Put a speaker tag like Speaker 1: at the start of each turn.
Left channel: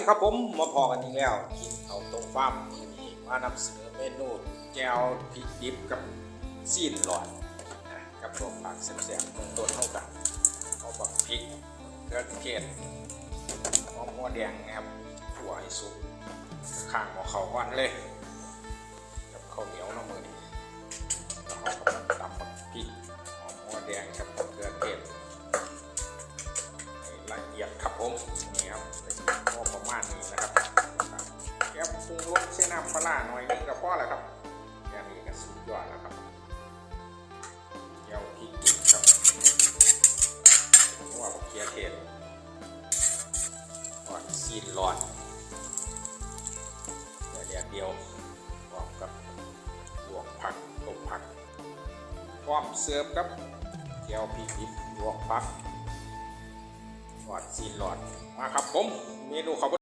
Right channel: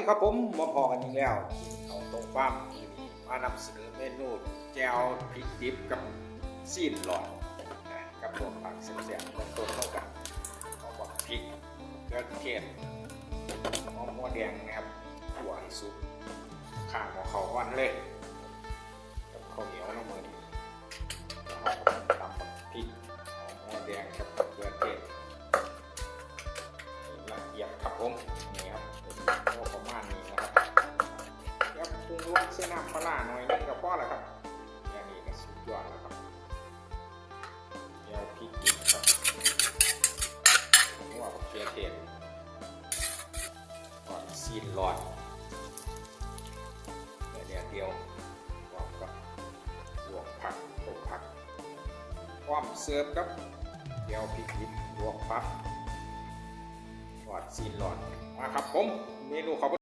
Speaker 1: ดีครับผมมาพอกันอีกแล้วกินเอาตรงฟาร์มมีมานำเสนอเมนูแจวพริกดิบกับซีนหลอดนะกับตัวผักแซ่บๆเบื้องต้นเท่ากันเอาบักพริกเกลือเทศหอมหัวแดงนะครับหัวให้สุกข้างหม้อเขาวันเลย ครับผมนี่ครับพอประมาณนี้นะครับแก้ปรุงรสเส้นน้ำปลาหน่อยนึงก็พอแล้วครับแค่นี้ก็สุดยอดแล้วครับเจียวพริกดิบครับหัวผักเคียเทศก่อนซีนหลอดเดี๋ยวเดียวเดียวพร้อมกับลวกผักต้มผักพร้อมเสิร์ฟครับเจียวพริกดิบลวกผัก ซีนหลอดมาครับผมเมนูขอบ